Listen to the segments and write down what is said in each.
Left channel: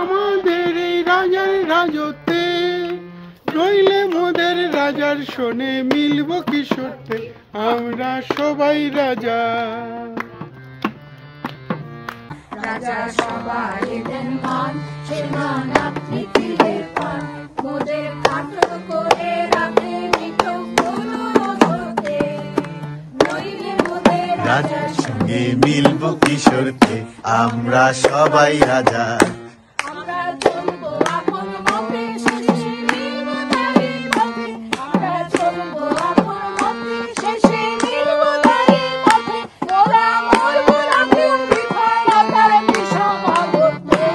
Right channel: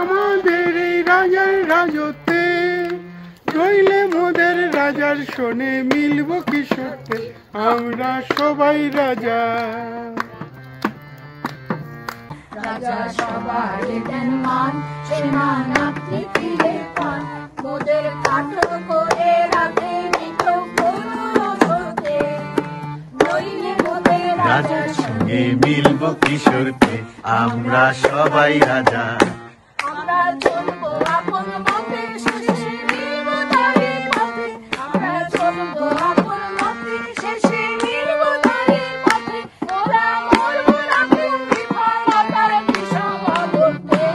আমাদের এই রাজার রাজত্বে, নইলে মোদের রাজার শোনে মিলব কি সত্যে, আমরা সবাই রাজা। রাজা সবাই দেন মান, সেই মান আপনি ফিরে পান, মোদের কাঠো করে রাখে নিত করতে, নইলে মোদের রাজার সঙ্গে মিলব কিশোরতে, আমরা সবাই রাজা। আমরা চলবো আপন মতে, শেষে মিলব তারই পথে, আমরা চলবো আপন মতে, শেষে মিলব তারই পথে, মোরা মরবো রাখে বিকায় বিষম আবদ্ধে,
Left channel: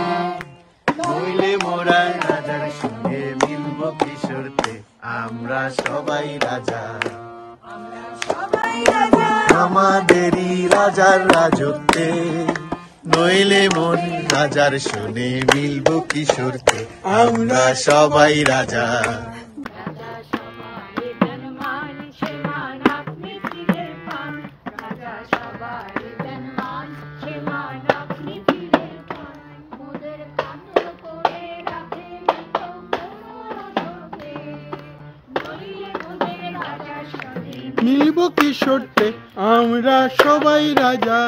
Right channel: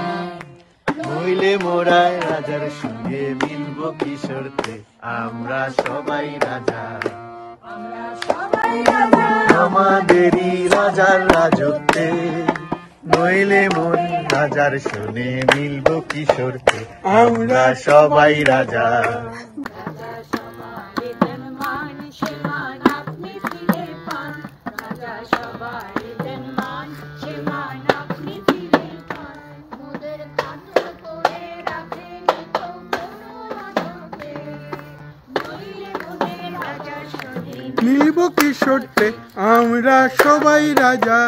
নইলে মোরা রাজার সঙ্গে মিলব কিশোরতে, আমরা সবাই রাজা। আমাদেরই রাজার রাজত্বে, নইলে মোর রাজার শোনে মিলব কিশোরতে, আমরা সবাই রাজা। মিলব কি সত্যে, আমরা সবাই রাজা।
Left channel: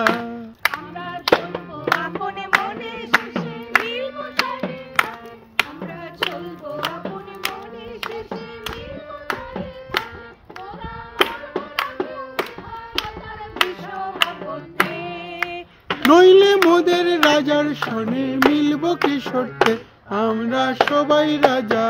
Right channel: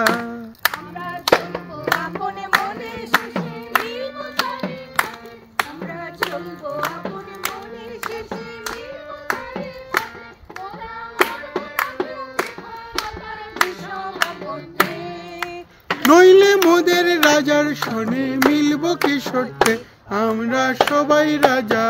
নইলে মোদের রাজার শোনে মিলব কি সত্যে, আমরা সবাই রাজা।